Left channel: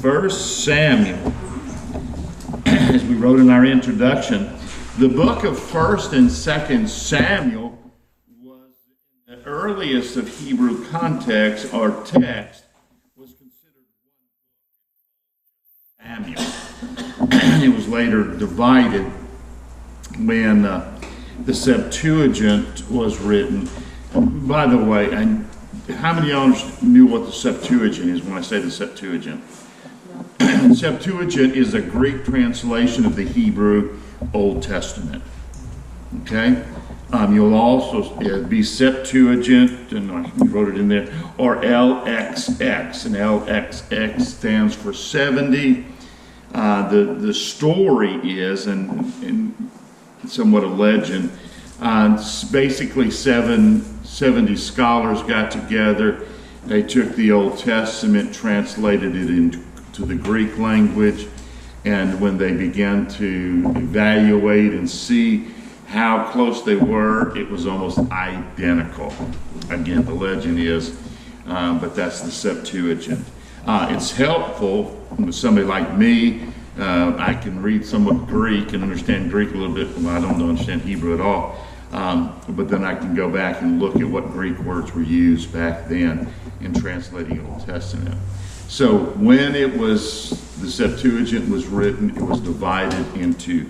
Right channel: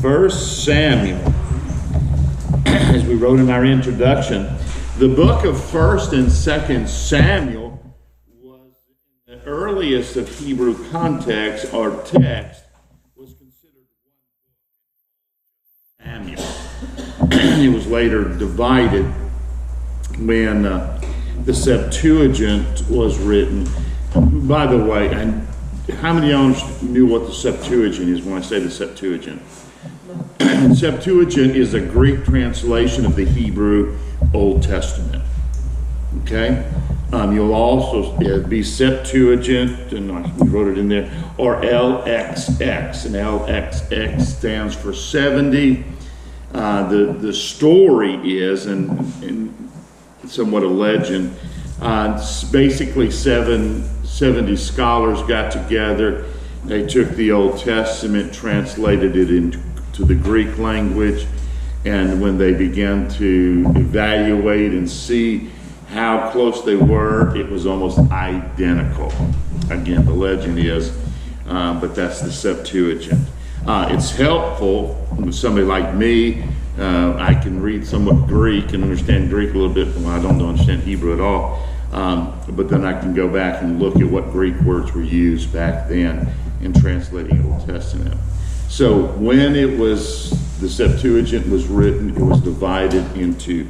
First Samuel, as we wrote in our introduction, the book of First and Second Samuel was the earliest of Hebrew context or text was considered one book, Samuel. It was later divided when the Septuagint was written. By the way, and how many of you knew what the Septuagint is when I say the Septuagint? No. Septuagint is a Greek translation of the Hebrew Old Testament. Okay? You'll also be Septuagint, and we wrote it in there, or LXX, and LXX stands for 70. The story is, and somewhat a legend, basically 70 scholars got together. They took the Old Testament, translated it into the Greek language, and when they began to evaluate and see how close they were, it was almost identical. Again, the legend is, but that's the Septuagint. It's helpful with somebody like me. I can read somewhat Greek and understand Greek a little bit. Well, I don't understand Hebrew at all. But then I can go back and look at what Greek words were used back then in translating Old Testament. So when the Septuagint was written, it was divided into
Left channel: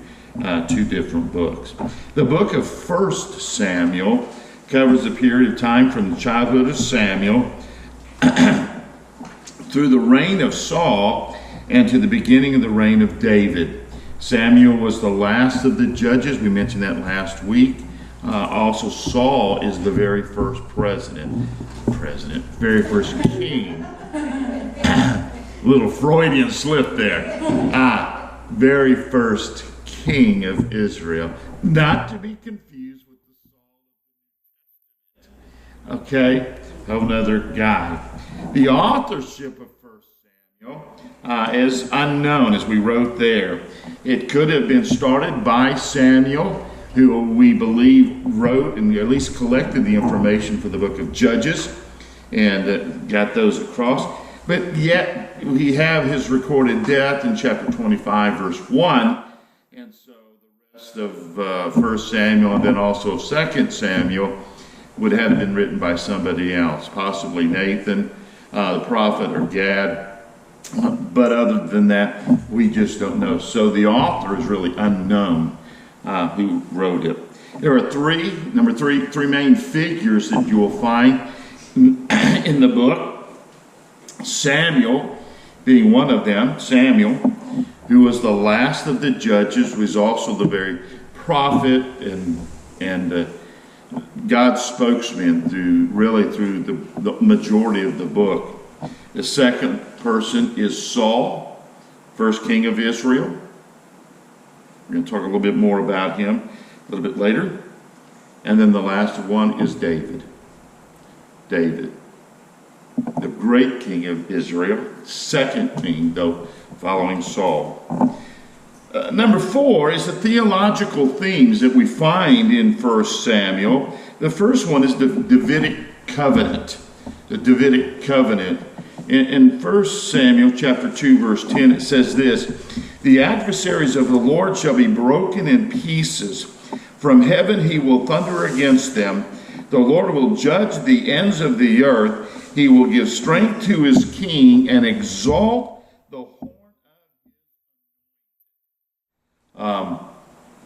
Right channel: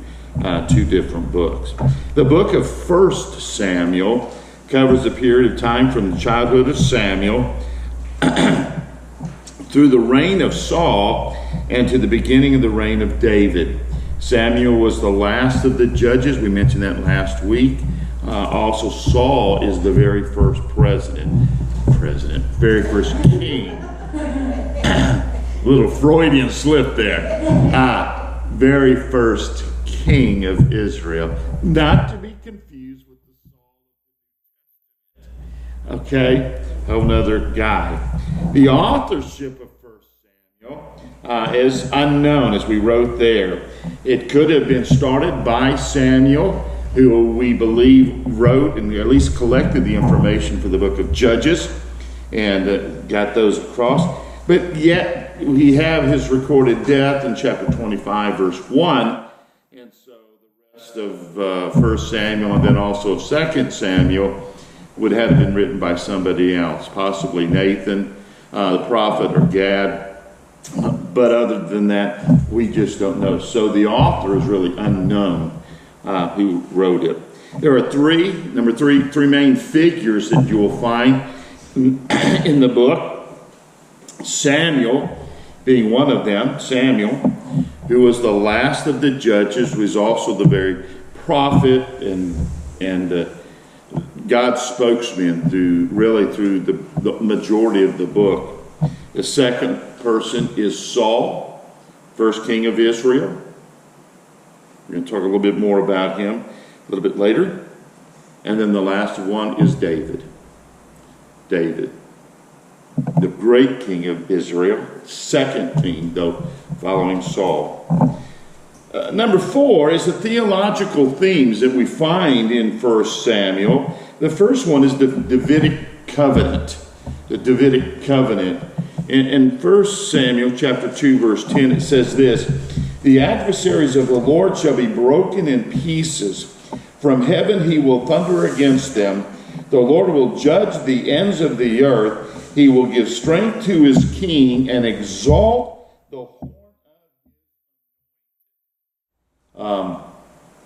two different books. The book of First Samuel covers the period of time from the childhood of Samuel through the reign of Saul and to the beginning of the reign of David. Samuel was the last of the judges. We mentioned that last week. Also, Saul is the very first very first king. Little Freudian slip there. Very first king of Israel. Not to be confused with the Saul. Okay? Another guy. The authorship of First Samuel is unknown, as we wrote there. It could have been started by Samuel, who we believe wrote and at least collected the information for the book of Judges and got those across. But yet we have his recorded death in chapter 25, verse 1. And so the rest of 1 Samuel and then also of 2 Samuel would have been written by somebody else, possibly Nathan, the prophet, or Gad. But other than that, we just don't know. So the author is really unknown who wrote it. There are three main figures that you will find in the book. Samuel being one of them, Samuel, who was the last of the judges, was also the very prophet and God's spokesman through the majority of the book. The second person is Saul, first king of Israel. We're going to talk a little bit more about him a little bit later. And then the last one is David. David, the great king of Israel, second king, though, following Saul. Number 4 is the theological themes that we find in 1 Samuel. The first one is the Davidic covenant. The Davidic covenant. In 1 Samuel chapter 2, verse 10, it says this: "The adversaries of the Lord shall be broken in pieces. From heaven he will thunder against them. The Lord will judge the ends of the earth. He will give strength to his king and exalt the horn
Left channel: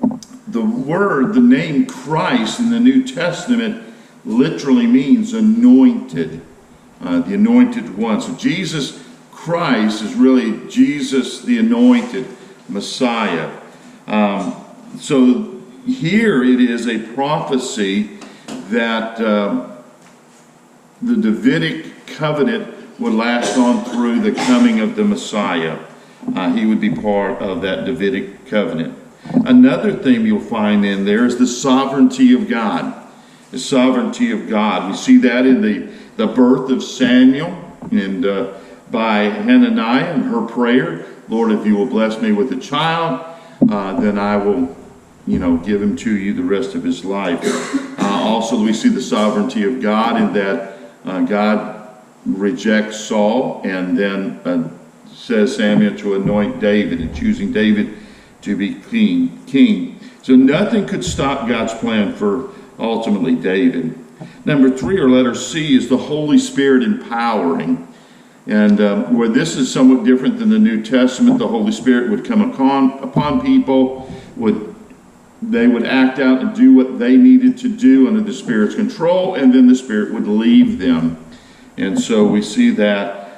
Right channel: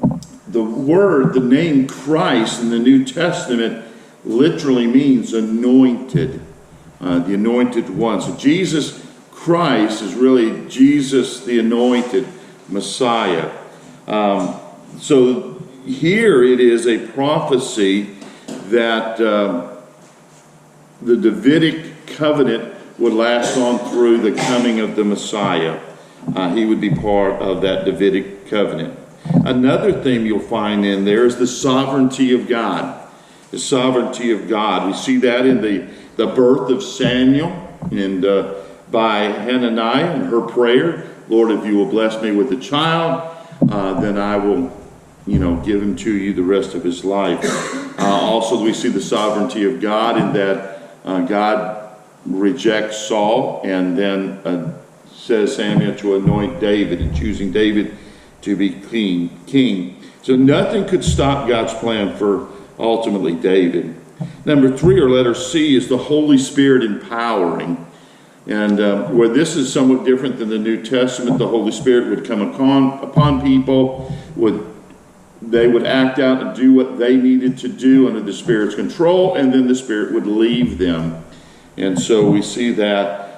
of his." The name Christ in the New Testament literally means anointed, the anointed one. So Jesus Christ is really Jesus the anointed Messiah. So here it is a prophecy that the Davidic covenant would last on through the coming of the Messiah. He would be part of that Davidic covenant. Another theme you'll find in there is the sovereignty of God. The sovereignty of God. We see that in the birth of Samuel and by Hananiah and her prayer. Lord, if you will bless me with a child, then I will, give him to you the rest of his life. Also, we see the sovereignty of God in that God rejects Saul and then says Samuel to anoint David and choosing David to be king. So nothing could stop God's plan for ultimately David. Number 3, or letter C, is the Holy Spirit empowering. And where this is somewhat different than the New Testament, the Holy Spirit would come upon people, they would act out and do what they needed to do under the Spirit's control, and then the Spirit would leave them. And so we see that.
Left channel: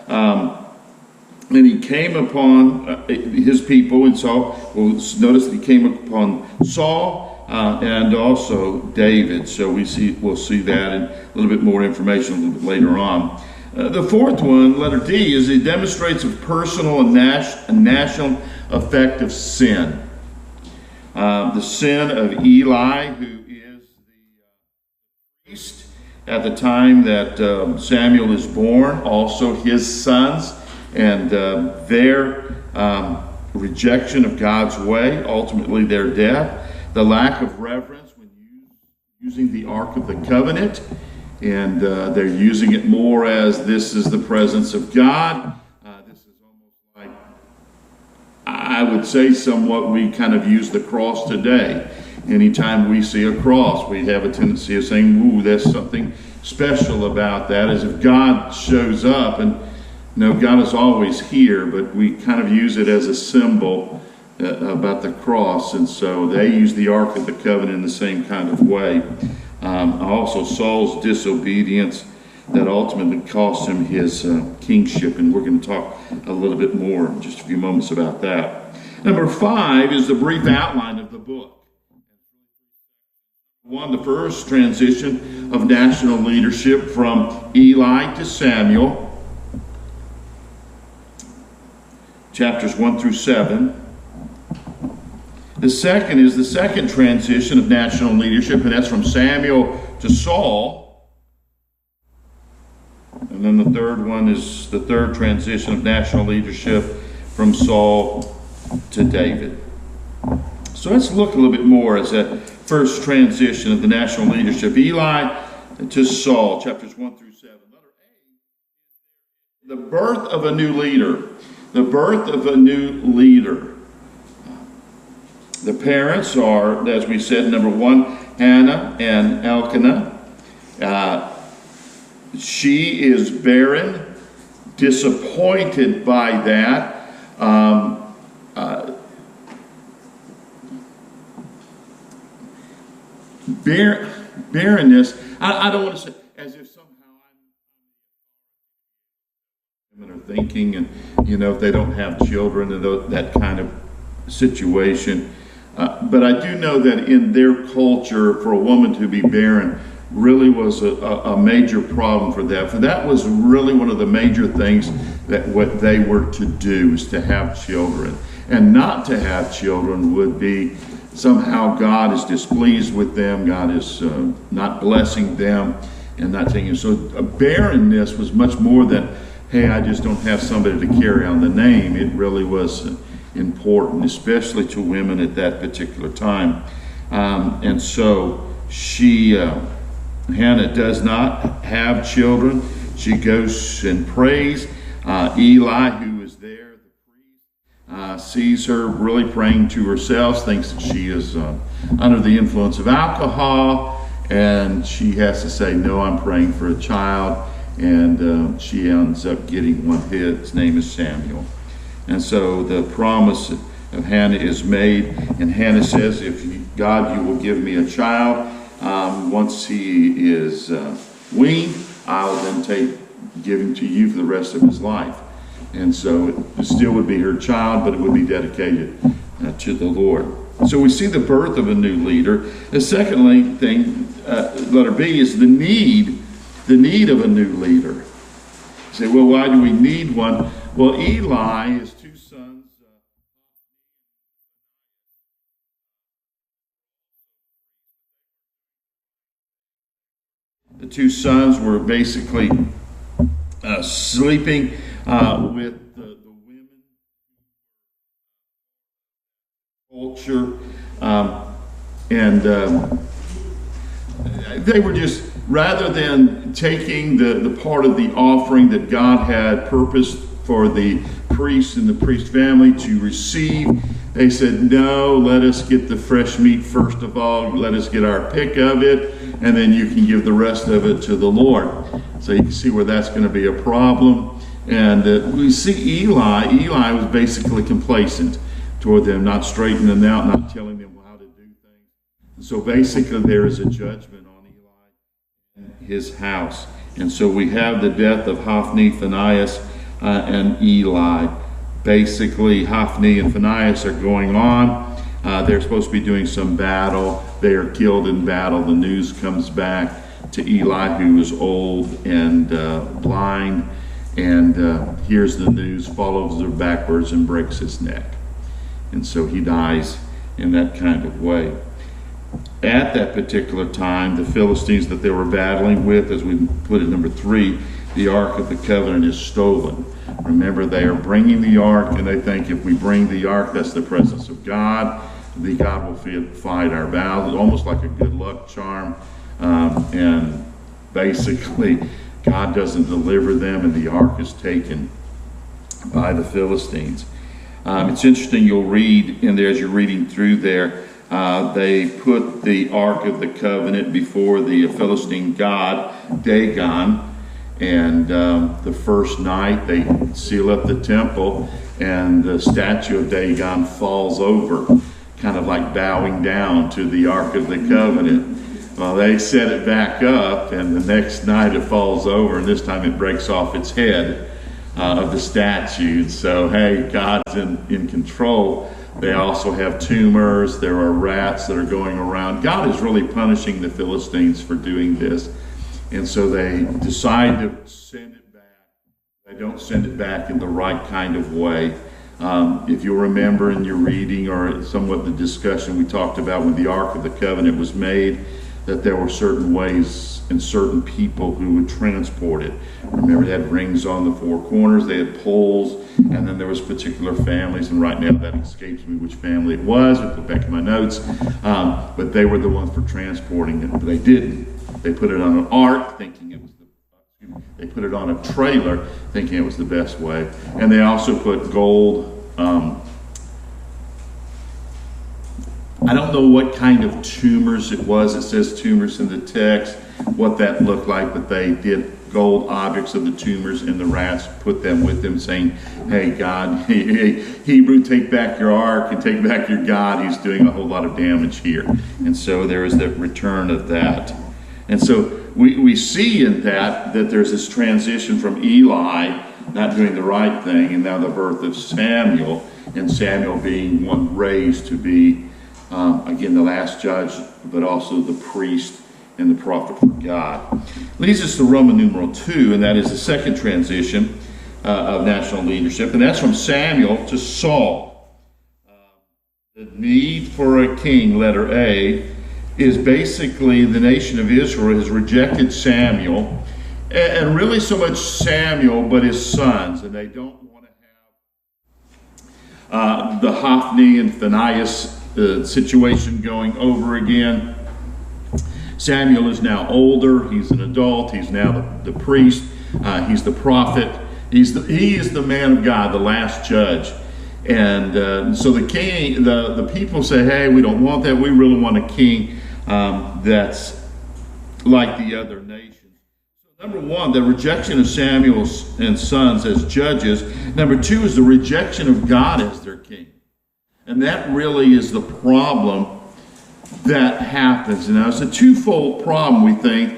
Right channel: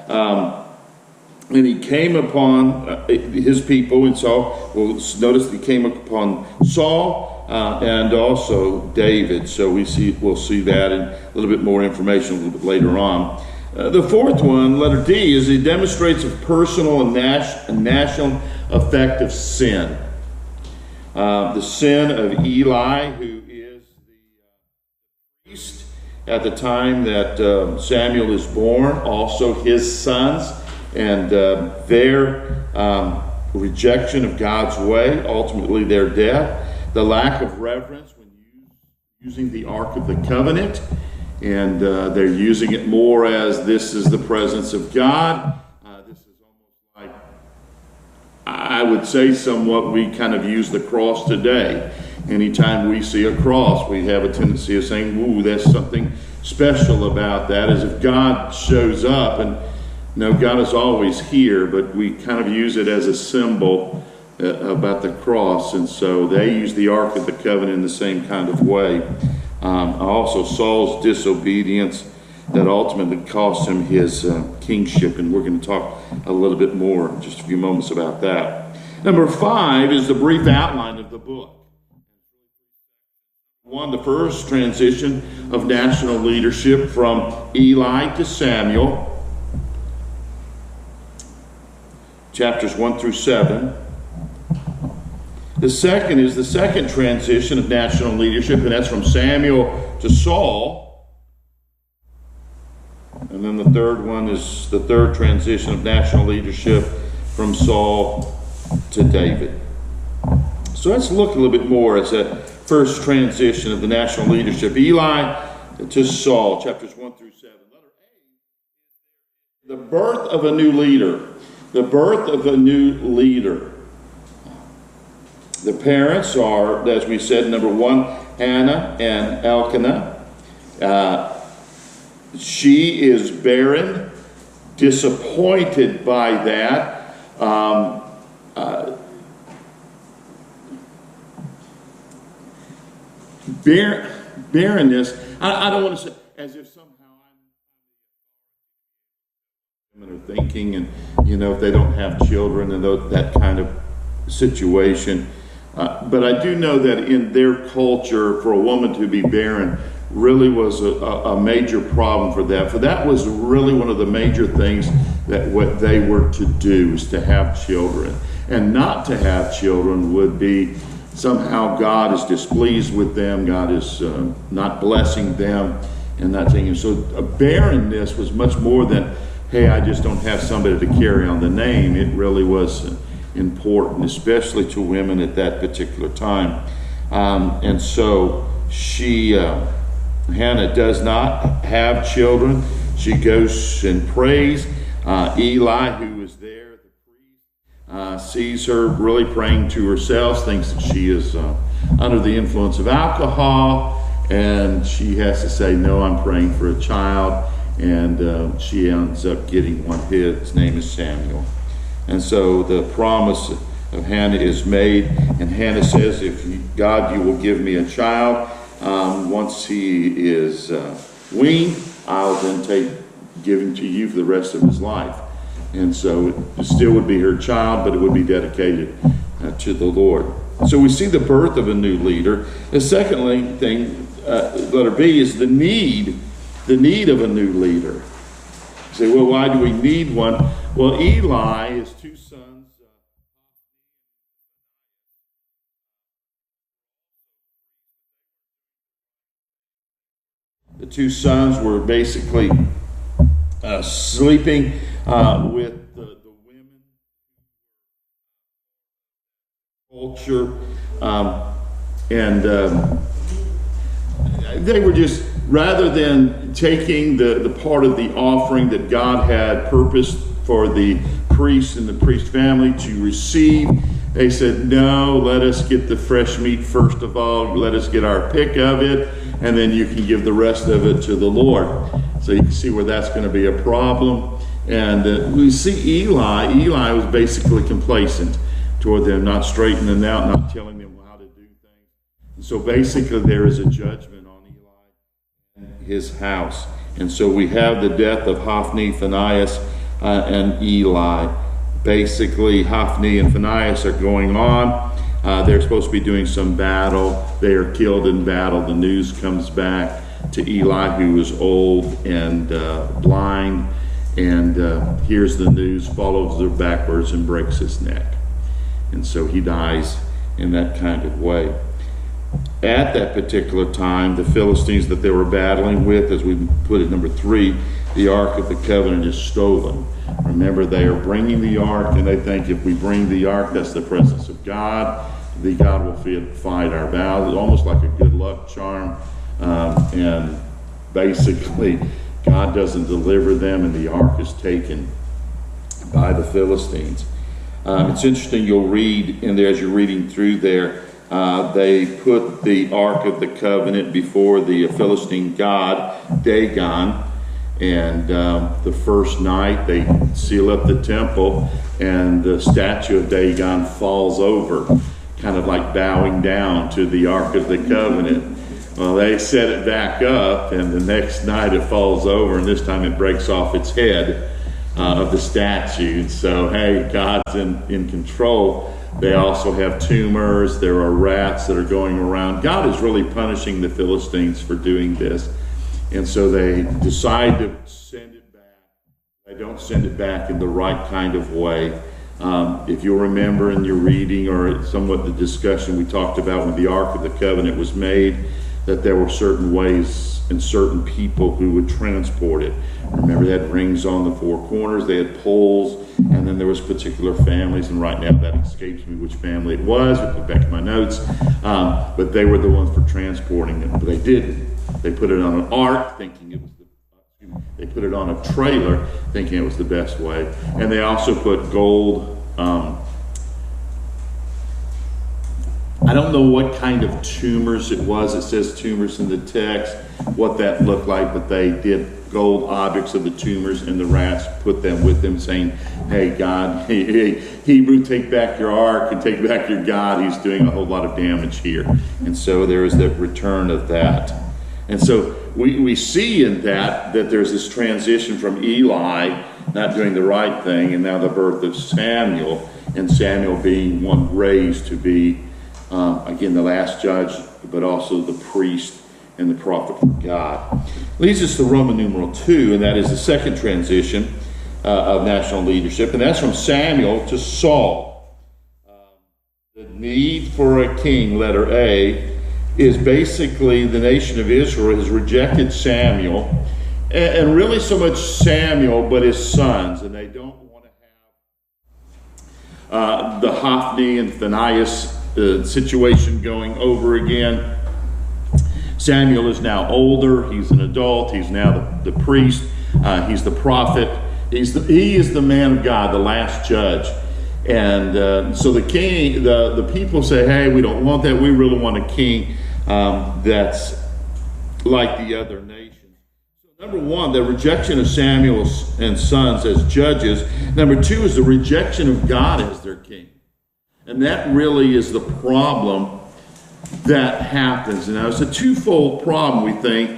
And he came upon his people, and Saul. Well, notice that he came upon Saul and also David. So we'll see that, and a little bit more information a little bit later on. The 4th one, letter D, is it demonstrates a personal and national effect of sin. The sin of Eli, who is the priest at the time that Samuel is born, also his sons, and their rejection of God's way, ultimately their death, the lack of reverence when using the Ark of the Covenant, and they're using it more as this is the presence of God. This is almost like, I would say somewhat, we kind of use the cross today. Anytime we see a cross, we have a tendency of saying, ooh, there's something special about that, as if God shows up. And no, God is always here, but we kind of use it as a symbol about the cross. And so they use the Ark of the Covenant in the same kind of way. Also, Saul's disobedience that ultimately cost him his kingship, and we're going to talk a little bit more in just a few moments about that. Number 5 is the brief outline of the book. 1, the first transition of national leadership from Eli to Samuel, chapters 1 through 7. The second is the second transition of national leadership, and that's from Samuel to Saul. And then the third one is the third transition of national leadership from Saul to David. So let's look a little bit more at that first transition of the national leadership. Eli to Saul, chapters 1 through 7. Letter A, the birth of a new leader. The birth of a new leader. The parents are, as we said, number 1, Hannah and Elkanah. She is barren, disappointed by that. Barrenness, I don't want to say as if somehow women are thinking, and if they don't have children and that kind of situation. But I do know that in their culture, for a woman to be barren really was a major problem for that. For that was really one of the major things that what they were to do, is to have children. And not to have children would be somehow God is displeased with them, God is not blessing them, and not taking it. So barrenness was much more than, hey, I just don't have somebody to carry on the name. It really was important, especially to women at that particular time. And so Hannah does not have children. She goes and prays. Eli, who is there, the priest, sees her really praying to herself, thinks that she is under the influence of alcohol, and she has to say, no, I'm praying for a child. And she ends up getting one. His name is Samuel. And so the promise of Hannah is made, and Hannah says, if God, you will give me a child, once he is weaned, I'll then give him to you for the rest of his life. And so it still would be her child, but it would be dedicated to the Lord. So we see the birth of a new leader. The second thing, letter B, is the need of a new leader. You say, well, why do we need one? Well, Eli, his two sons, the two sons were basically sleeping with the women culture, and they were just, rather than taking the part of the offering that God had purposed for the priest and the priest family to receive. They said, no, let us get the fresh meat first of all. Let us get our pick of it, and then you can give the rest of it to the Lord. So you can see where that's going to be a problem. And we see Eli. Eli was basically complacent toward them, not straightening them out, not telling them how to do things. And so basically there is a judgment on Eli and his house. And so we have the death of Hophni, Phinehas, and Eli. Basically, Hophni and Phinehas are going on. They're supposed to be doing some battle. They are killed in battle. The news comes back to Eli, who is old and blind, and hears the news, follows her backwards, and breaks his neck. And so he dies in that kind of way. At that particular time, the Philistines that they were battling with, as we put it, number 3, the Ark of the Covenant is stolen. Remember, they are bringing the Ark, and they think if we bring the Ark, that's the presence of God. The God will fight our battles. It's almost like a good luck charm. And basically, God doesn't deliver them, and the Ark is taken by the Philistines. It's interesting, you'll read in there, as you're reading through there, they put the Ark of the Covenant before the Philistine god, Dagon. And the first night they seal up the temple, and the statue of Dagon falls over, kind of like bowing down to the Ark of the Covenant. Well, they set it back up, and the next night it falls over, and this time it breaks off its head of the statue. And so, hey, God's in control. They also have tumors. There are rats that are going around. God is really punishing the Philistines for doing this. And so they decide to send it back. They don't send it back in the right kind of way. If you'll remember in your reading or somewhat the discussion we talked about when the Ark of the Covenant was made, that there were certain ways and certain people who would transport it. Remember, they had rings on the 4 corners, they had poles, and then there was particular families, and right now that escapes me which family it was. I'll put back in my notes. But they were the ones for transporting it, but they didn't. They put it on an ark, thinking it was they put it on a trailer, thinking it was the best way. And they also put gold. I don't know what kind of tumors it was. It says tumors in the text, what that looked like, but they did gold objects of the tumors, and the rats put them with them, saying, hey, God, Hebrew, take back your ark and take back your God. He's doing a whole lot of damage here. And so there is the return of that. And so we see in that there's this transition from Eli not doing the right thing, and now the birth of Samuel, and Samuel being one raised to be, again, the last judge, but also the priest and the prophet for God. Leads us to Roman numeral 2, and that is the second transition of national leadership, and that's from Samuel to Saul. The need for a king, letter A, is basically the nation of Israel has rejected Samuel, and really so much Samuel, but his sons, and they don't want to have the Hophni and Phinehas situation going over again. Samuel is now older. He's an adult. He's now the priest. He's the prophet. He is the man of God, the last judge. And so the king, the people say, hey, we don't want that. We really want a king that's like the other nations. So number 1, the rejection of Samuel and sons as judges. Number 2 is the rejection of God as their king. And that really is the problem that happens. Now, it's a twofold problem, we think,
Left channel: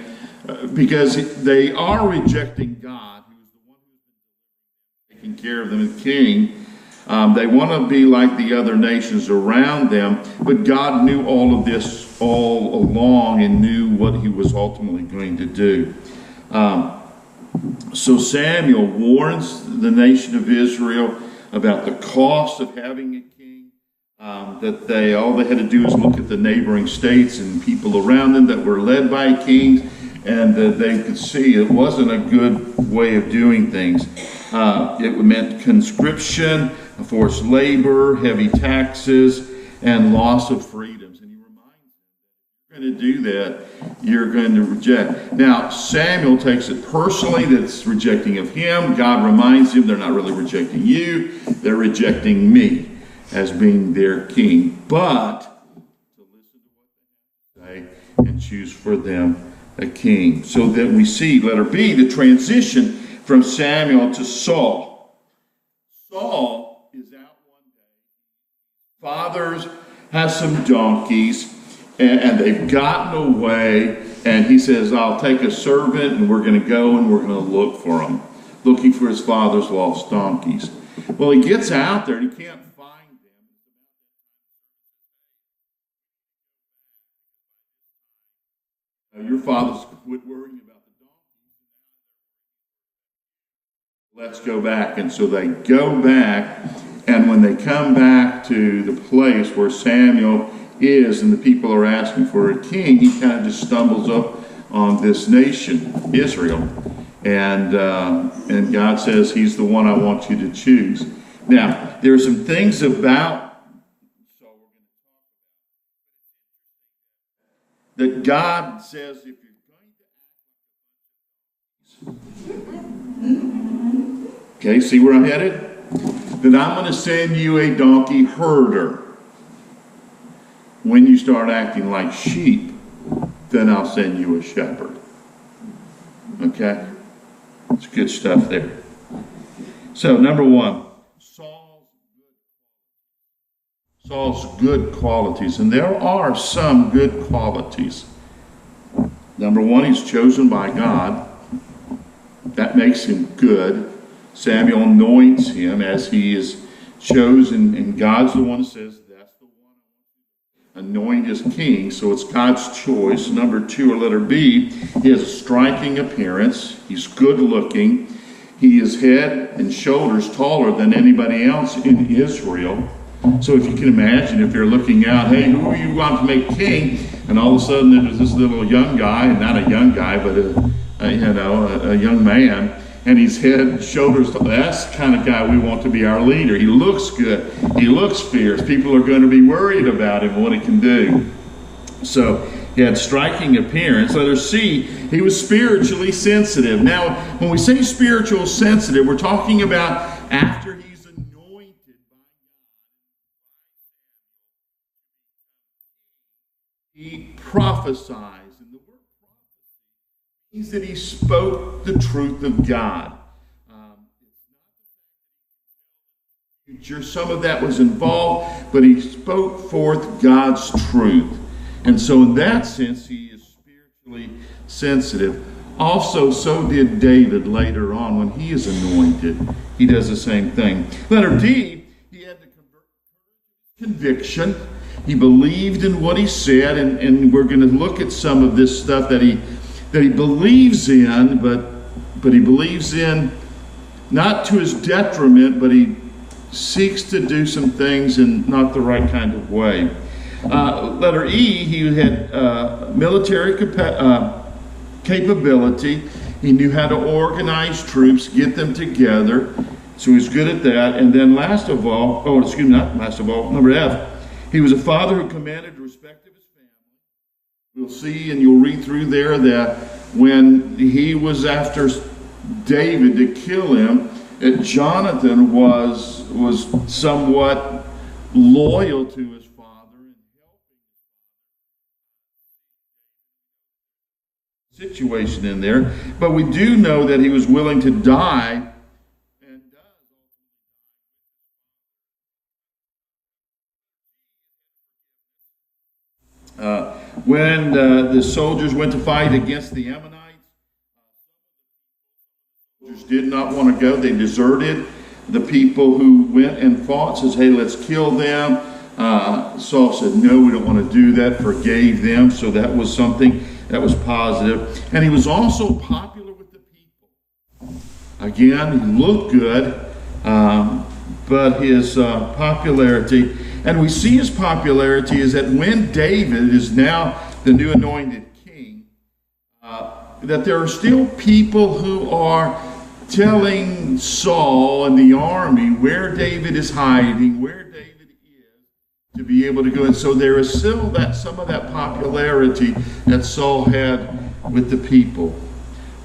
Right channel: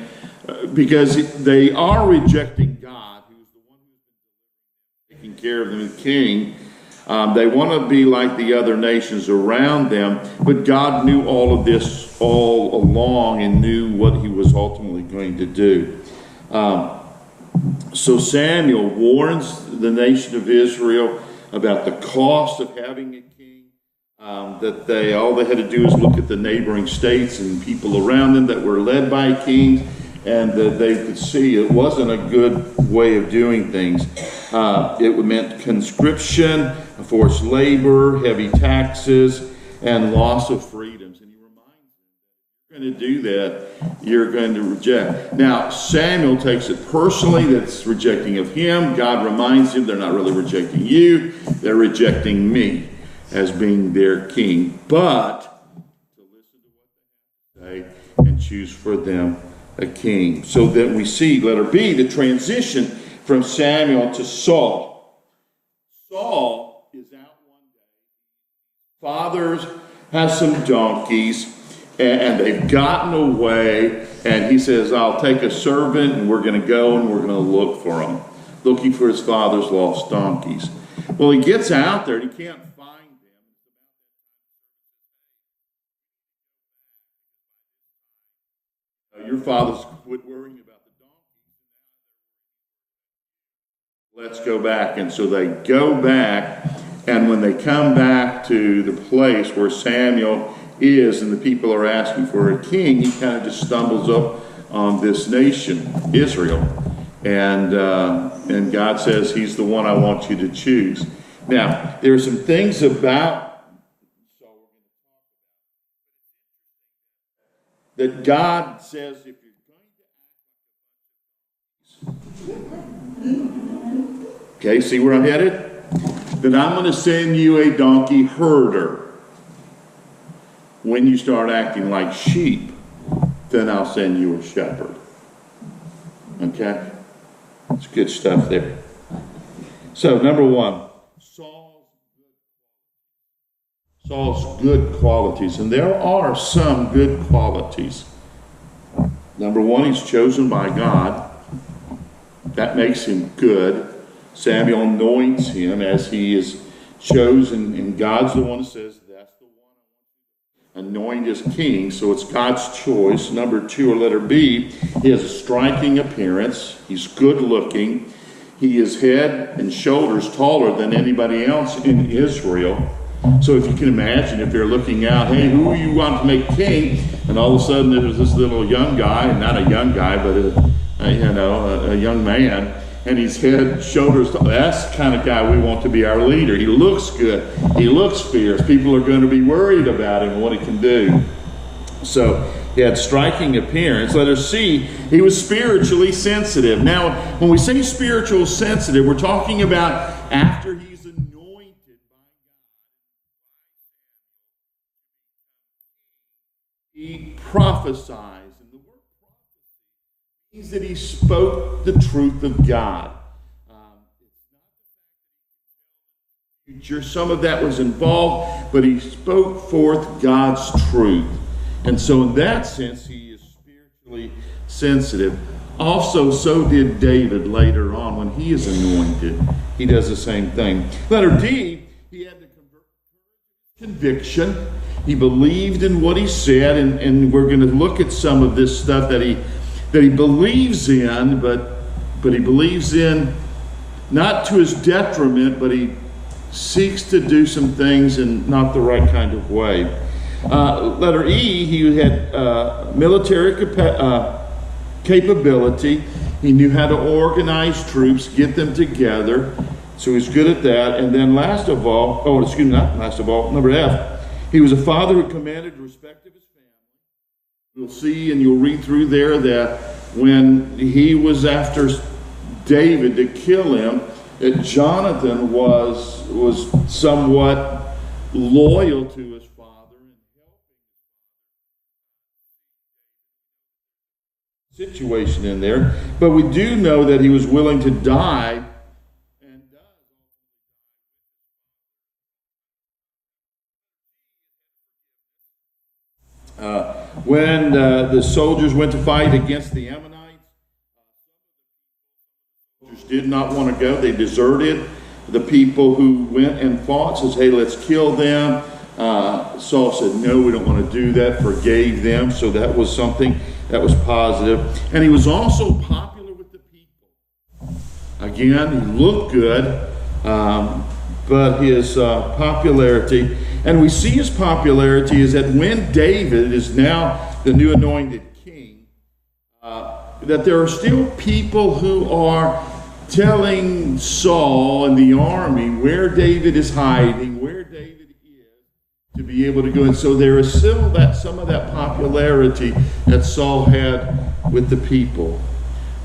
because they are rejecting God, who's the one who's been taking care of them as king. They want to be like the other nations around them, but God knew all of this all along and knew what he was ultimately going to do. So Samuel warns the nation of Israel about the cost of having a king, that all they had to do is look at the neighboring states and people around them that were led by kings, and they could see it wasn't a good way of doing things. It meant conscription, forced labor, heavy taxes, and loss of freedoms. And he reminds them that if you're going to do that, you're going to reject. Now, Samuel takes it personally that it's rejecting of him. God reminds him they're not really rejecting you, they're rejecting me as being their king. But to listen to what they say and choose for them a king. So that we see, letter B, the transition from Samuel to Saul. Saul is out one day. Fathers have some donkeys, and they've gotten away, and he says, I'll take a servant, and we're going to go, and we're going to look for him, looking for his father's lost donkeys. Well, he gets out there, and he can't find them. Your father's quit worrying about the donkeys. Let's go back. And so they go back, and when they come back to the place where Samuel is and the people are asking for a king, he kind of just stumbles up on this nation, Israel. And God says, he's the one I want you to choose. Now, there are some things about that God says, if you're going to okay, see where I'm headed? Then I'm going to send you a donkey herder. When you start acting like sheep, then I'll send you a shepherd. Okay? It's good stuff there. So, number one, Saul's good qualities. And there are some good qualities. Number one, he's chosen by God. That makes him good. Samuel anoints him as he is chosen, and God's the one who says, that's the one I want to anoint as king, so it's God's choice. Number two, or letter B, he has a striking appearance. He's good looking. He is head and shoulders taller than anybody else in Israel. So if you can imagine, if you're looking out, hey, who you want to make king? And all of a sudden there's this little young guy, and not a young guy, but a young man, and he's head, shoulders, that's the kind of guy we want to be our leader. He looks good. He looks fierce. People are going to be worried about him, what he can do. So he had striking appearance. Letter C, he was spiritually sensitive. Now, when we say spiritual sensitive, we're talking about after he's anointed by God, he prophesies. Means that he spoke the truth of God. Some of that was involved, but he spoke forth God's truth. And so in that sense, he is spiritually sensitive. Also, so did David later on when he is anointed. He does the same thing. Letter D, he had the conviction. He believed in what he said, and we're going to look at some of this stuff that he believes in, but he believes in not to his detriment, but he seeks to do some things in not the right kind of way. Letter E, he had military capability. He knew how to organize troops, get them together, so he's good at that. And then last of all, number F, he was a father who commanded respect of his family. You'll see, and you'll read through there, that when he was after David to kill him, that Jonathan was somewhat loyal to his father and helping situation in there. But we do know that he was willing to die, and does. When the soldiers went to fight against the Ammonites, soldiers did not want to go. They deserted. The people who went and fought says, hey, let's kill them. Saul said, no, we don't want to do that, forgave them. So that was something that was positive. And he was also popular with the people. Again, he looked good, but his popularity, and we see his popularity is that when David is now the new anointed king, that there are still people who are telling Saul and the army where David is hiding, where David is, to be able to go. And so there is still that some of that popularity that Saul had with the people.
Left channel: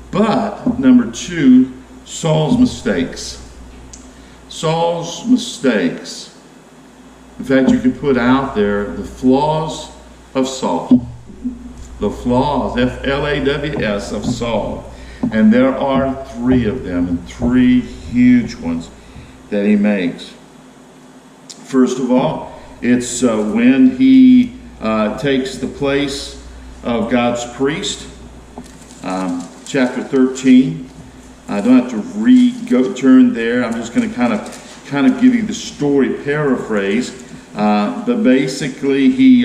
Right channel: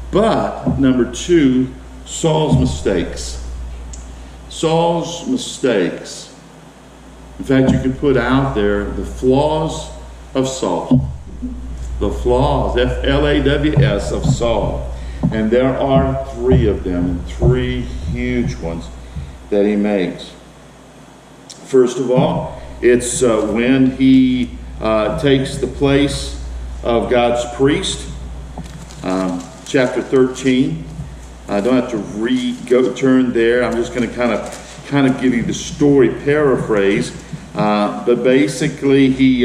But number two, Saul's mistakes. Saul's mistakes. In fact, you could put out there the flaws of Saul. The flaws, F-L-A-W-S, of Saul. And there are three of them, and three huge ones that he makes. First of all, it's when he takes the place of God's priest. Chapter 13. I don't have to turn there. I'm just going to kind of give you the story paraphrase. But basically, he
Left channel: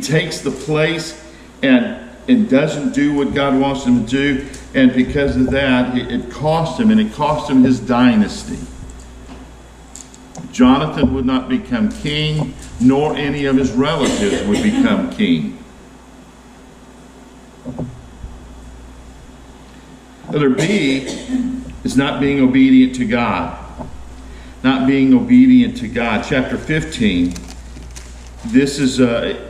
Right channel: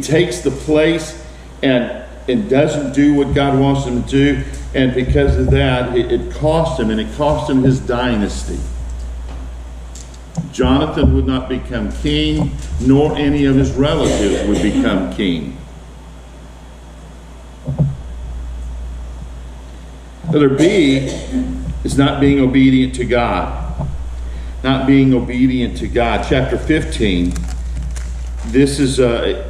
takes the place and doesn't do what God wants him to do, and because of that, it cost him, and it cost him his dynasty. Jonathan would not become king, nor any of his relatives would become king. Letter B is not being obedient to God. Not being obedient to God. Chapter 15. This is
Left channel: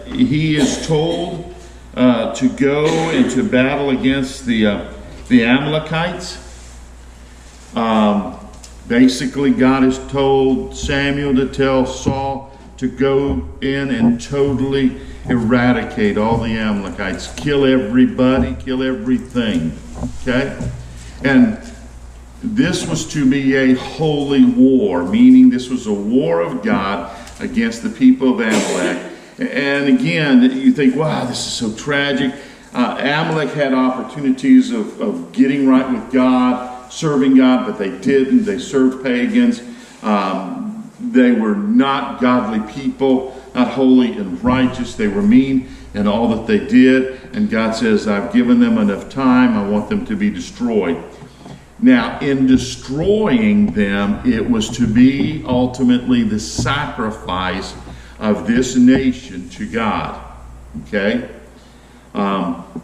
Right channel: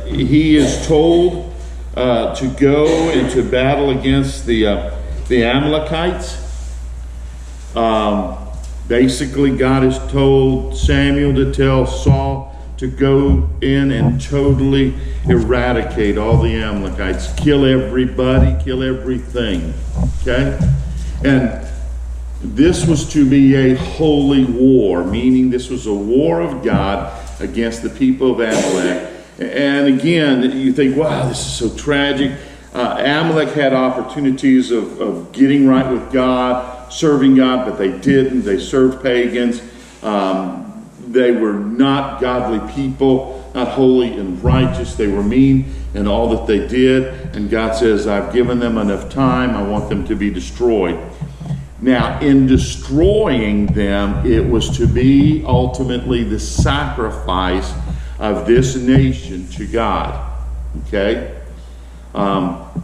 he is told to go into battle against the Amalekites. Basically, God has told Samuel to tell Saul to go in and totally eradicate all the Amalekites, kill everybody, kill everything. Okay, and this was to be a holy war, meaning this was a war of God against the people of Amalek. And again, you think, wow, this is so tragic. Amalek had opportunities of getting right with God, serving God, but they didn't. They served pagans. They were not godly people, not holy and righteous. They were mean in all that they did. And God says, I've given them enough time. I want them to be destroyed. Now, in destroying them, it was to be ultimately the sacrifice of this nation to God. Okay?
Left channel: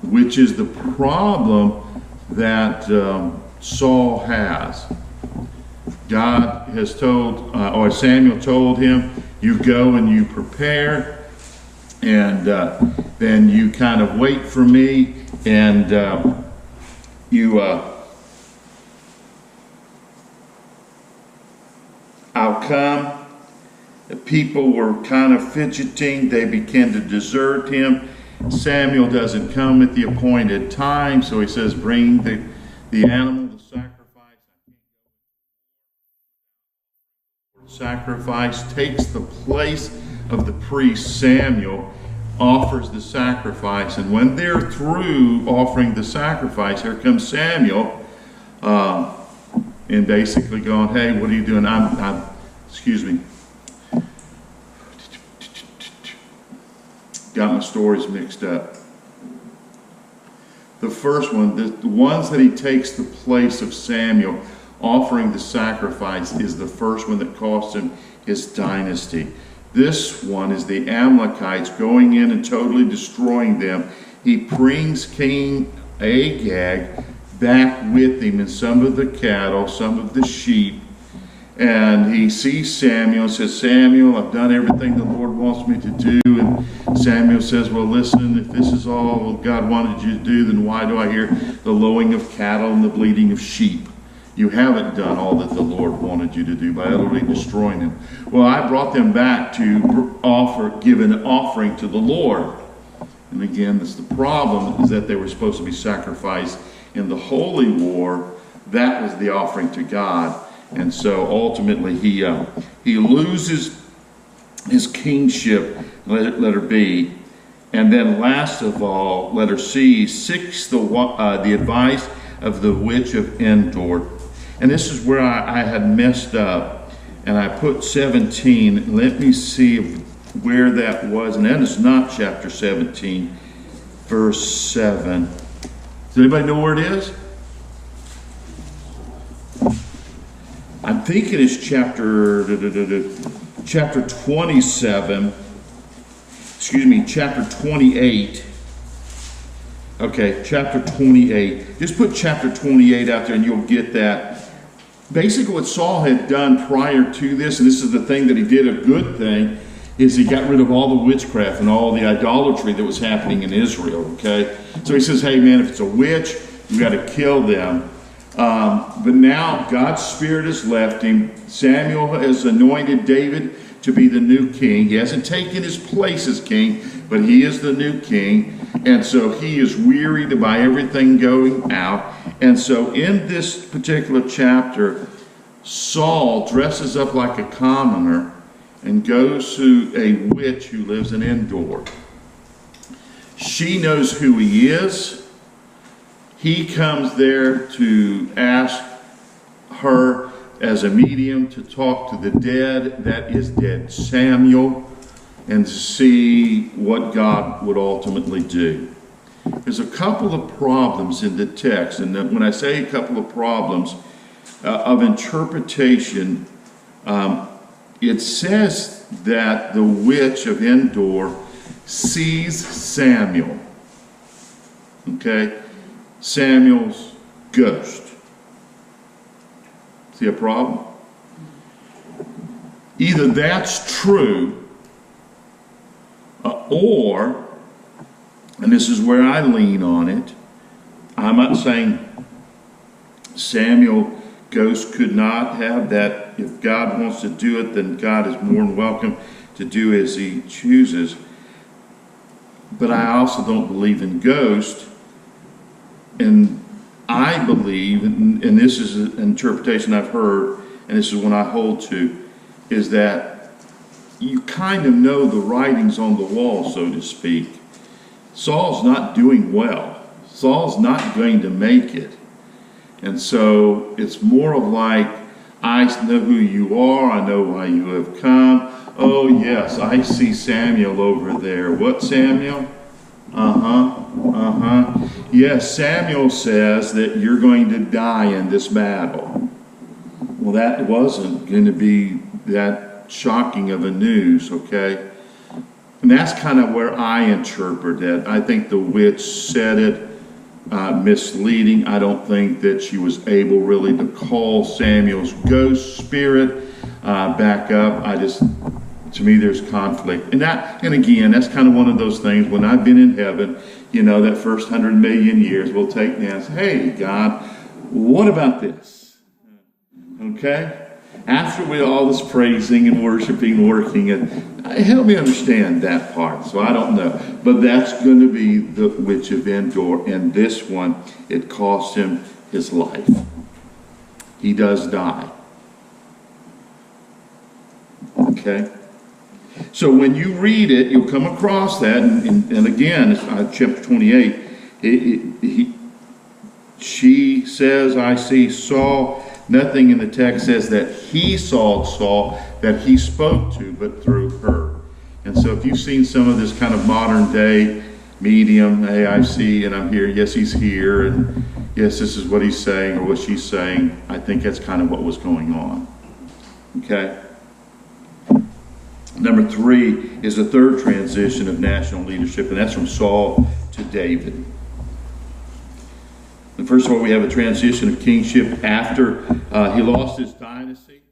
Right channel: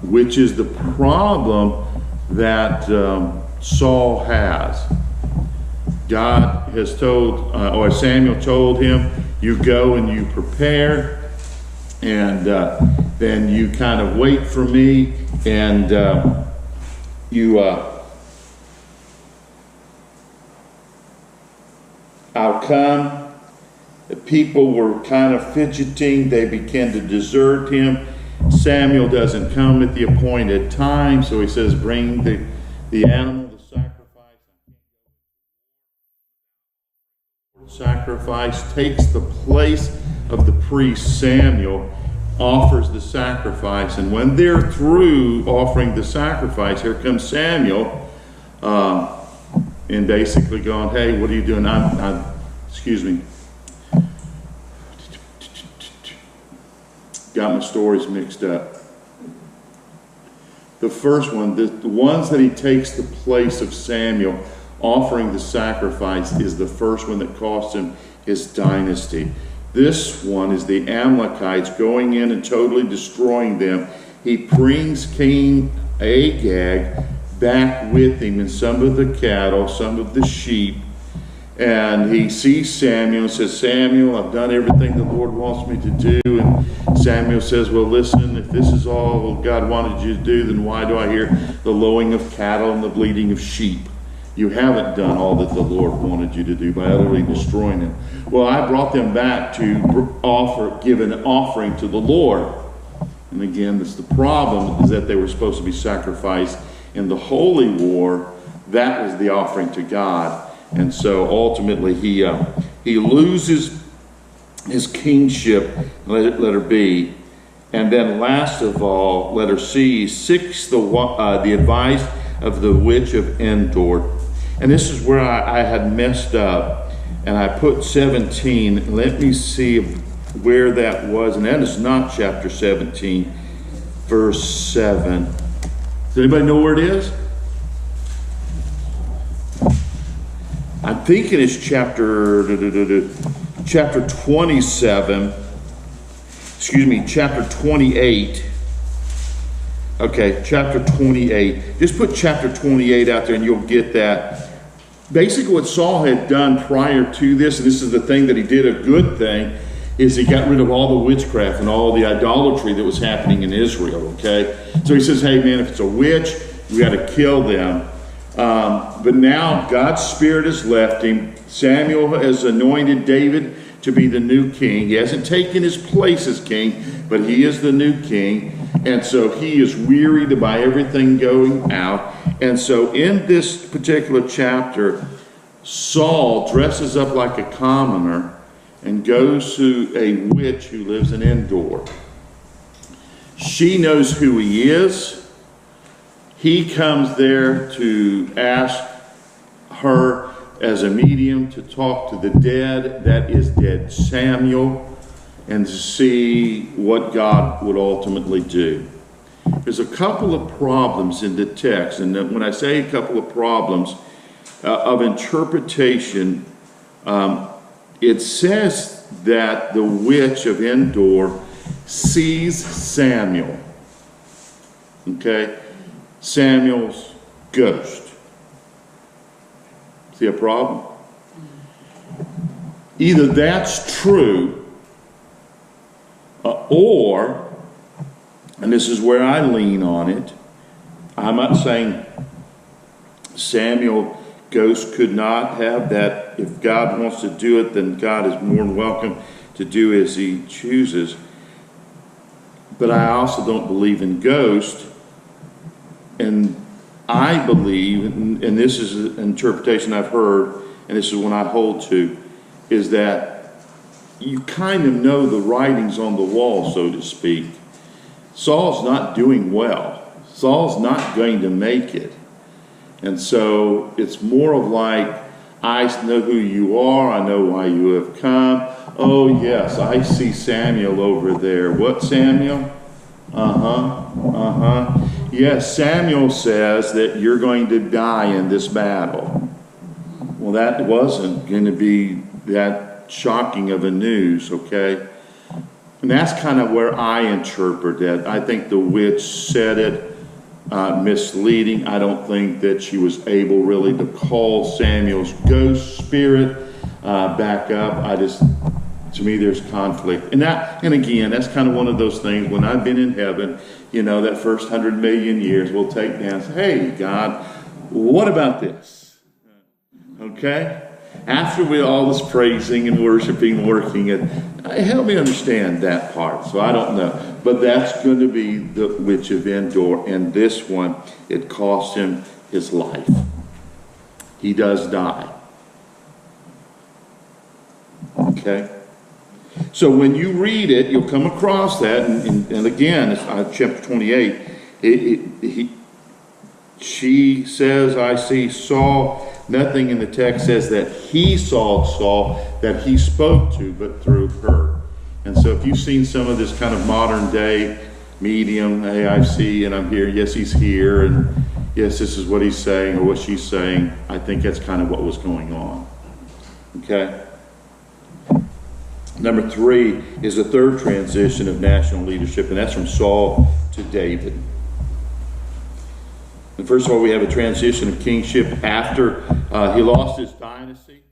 Which is the problem that Saul has. God has told, or Samuel told him, you go and you prepare, and then you kind of wait for me, and I'll come. The people were kind of fidgeting. They began to desert him. Samuel doesn't come at the appointed time, so he says, bring the animal, the sacrifice. Takes the place of the priest. Samuel offers the sacrifice, and when they're through offering the sacrifice, here comes Samuel, and basically going, hey, what are you doing? Excuse me. Got my stories mixed up. The first one, the ones that he takes the place of Samuel offering the sacrifice, is the first one that cost him his dynasty. This one is the Amalekites going in and totally destroying them. He brings King Agag back with him and some of the cattle, some of the sheep. And he sees Samuel and says, Samuel, I've done everything the Lord wants me to do. And Samuel says, well, listen, if this is all God wanted you to do, then why do I hear the lowing of cattle and the bleating of sheep? You haven't done all that the Lord wanted you to do by utterly destroying them. Well, I brought them back to give an offering to the Lord. And again, that's the problem, is that they were supposed to be sacrificed in the holy war. That was the offering to God. And so ultimately he loses his kingship, letter B. And then last of all, letter C, seeks the advice of the witch of Endor. And this is where I had messed up, and I put 17. Let me see where that was. And that is not chapter 17, verse 7. Does anybody know where it is? I'm thinking it's chapter 27. Excuse me, chapter 28. Okay, chapter 28. Just put chapter 28 out there and you'll get that. basically what Saul had done prior to this, and this is the thing that he did a good thing, is he got rid of all the witchcraft and all the idolatry that was happening in Israel, okay? So he says, hey man, if it's a witch, we got to kill them. But now God's Spirit has left him. Samuel has anointed David to be the new king. He hasn't taken his place as king, but he is the new king. And so he is wearied by everything going out. And so in this particular chapter, Saul dresses up like a commoner and goes to a witch who lives in Endor. She knows who he is. He comes there to ask her as a medium to talk to the dead, that is dead Samuel, and to see what God would ultimately do. There's a couple of problems in the text, and when I say a couple of problems of interpretation, it says that the witch of Endor sees Samuel. Okay? Samuel's ghost. See a problem? Either that's true, or, and this is where I lean on it, I'm not saying Samuel ghost could not have that. If God wants to do it, then God is more than welcome to do as he chooses. But I also don't believe in ghosts. And I believe, and this is an interpretation I've heard, and this is one I hold to, is that you kind of know the writings on the wall, so to speak. Saul's not doing well. Saul's not going to make it. And so it's more of like, I know who you are. I know why you have come. Oh, yes, I see Samuel over there. What, Samuel? Yes, Samuel says that you're going to die in this battle. Well, that wasn't going to be that shocking of a news, okay? And that's kind of where I interpret that. I think the witch said it misleading. I don't think that she was able really to call Samuel's ghost spirit back up. To me, there's conflict. And again, that's kind of one of those things, when I've been in heaven, you know, that first 100 million years, we'll take down and say, hey, God, what about this? Okay? After all this praising and worshiping, working, help me understand that part. So I don't know. But that's going to be the witch of Endor. And this one, it cost him his life. He does die. Okay? So when you read it, you'll come across that, and again, chapter 28, she says, I see Saul. Nothing in the text says that he saw Saul, that he spoke to, but through her. And so if you've seen some of this kind of modern day medium, hey, I see and I'm here, yes, he's here, and yes, this is what he's saying or what she's saying, I think that's kind of what was going on. Okay? Number 3 is the third transition of national leadership, and that's from Saul to David. And first of all, we have a transition of kingship after he lost his dynasty.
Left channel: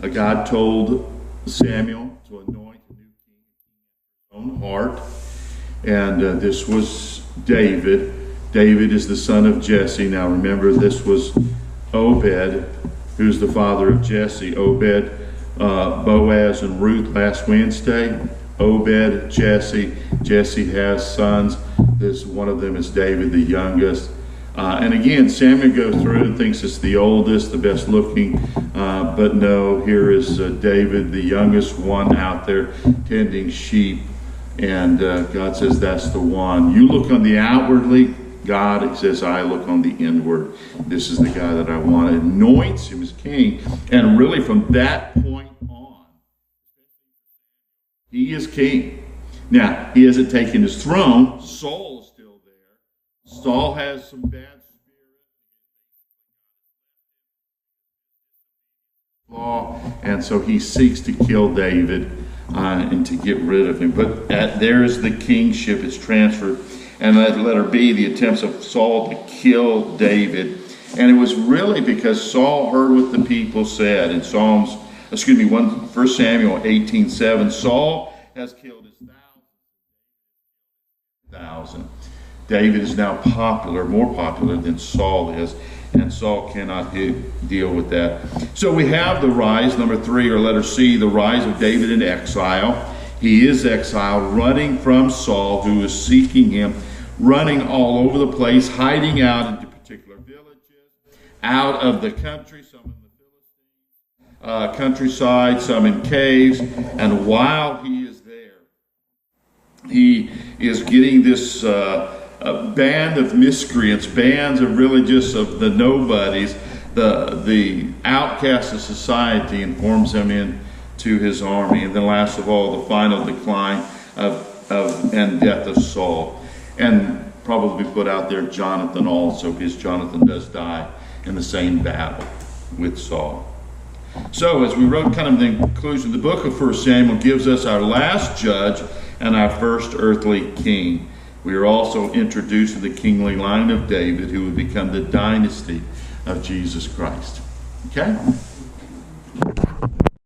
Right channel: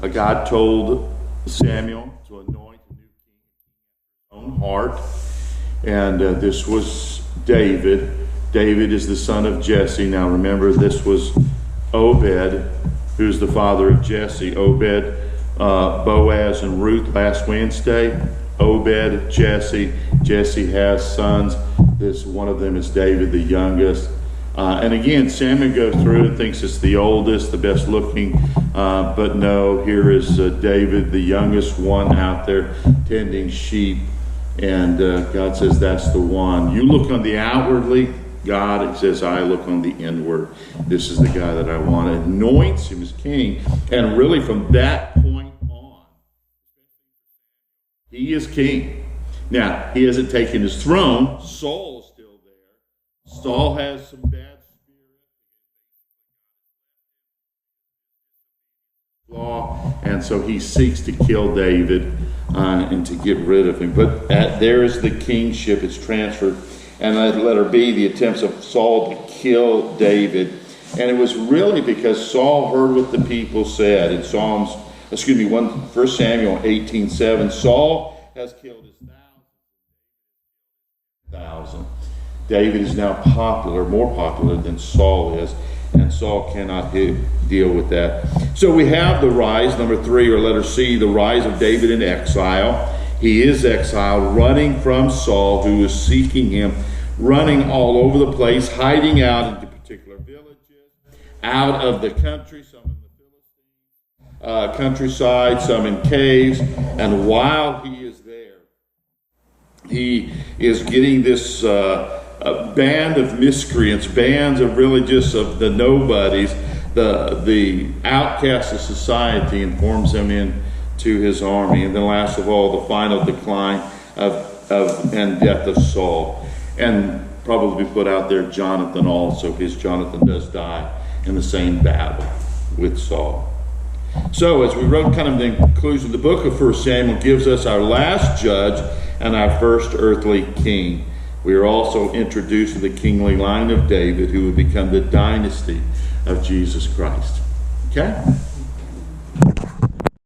God told Samuel to anoint a new king in his own heart, and this was David. David is the son of Jesse. Now remember, this was Obed, who's the father of Jesse. Obed, Boaz, and Ruth last Wednesday. Obed, Jesse. Jesse has sons. One of them is David, the youngest. And again, Samuel goes through and thinks it's the oldest, the best looking. But no, here is David, the youngest one out there tending sheep. And God says, that's the one. You look on the outwardly, God says, I look on the inward. This is the guy that I want. Anoints him as king. And really from that point on, he is king. Now, he hasn't taken his throne. Saul is still there. Saul has some bad law, and so he seeks to kill David and to get rid of him. But there's the kingship. It's transferred. And letter B, the attempts of Saul to kill David. And it was really because Saul heard what the people said in 1 Samuel 18:7. Saul has killed his thousand. David is now more popular than Saul is, and Saul cannot deal with that. So we have the rise, number 3, or letter C, the rise of David in exile. He is exiled, running from Saul, who is seeking him, running all over the place, hiding out into particular villages, out of the country, some in the Philistine countryside, some in caves. And while he is there, he is getting this band of miscreants, bands of really just of the nobodies, the outcasts of society, and forms them into his army. And then last of all, the final decline and death of Saul. And probably put out there Jonathan also, because Jonathan does die in the same battle with Saul. So as we wrote kind of the conclusion, the book of 1 Samuel gives us our last judge and our first earthly king. We are also introduced to the kingly line of David, who would become the dynasty of Jesus Christ. Okay?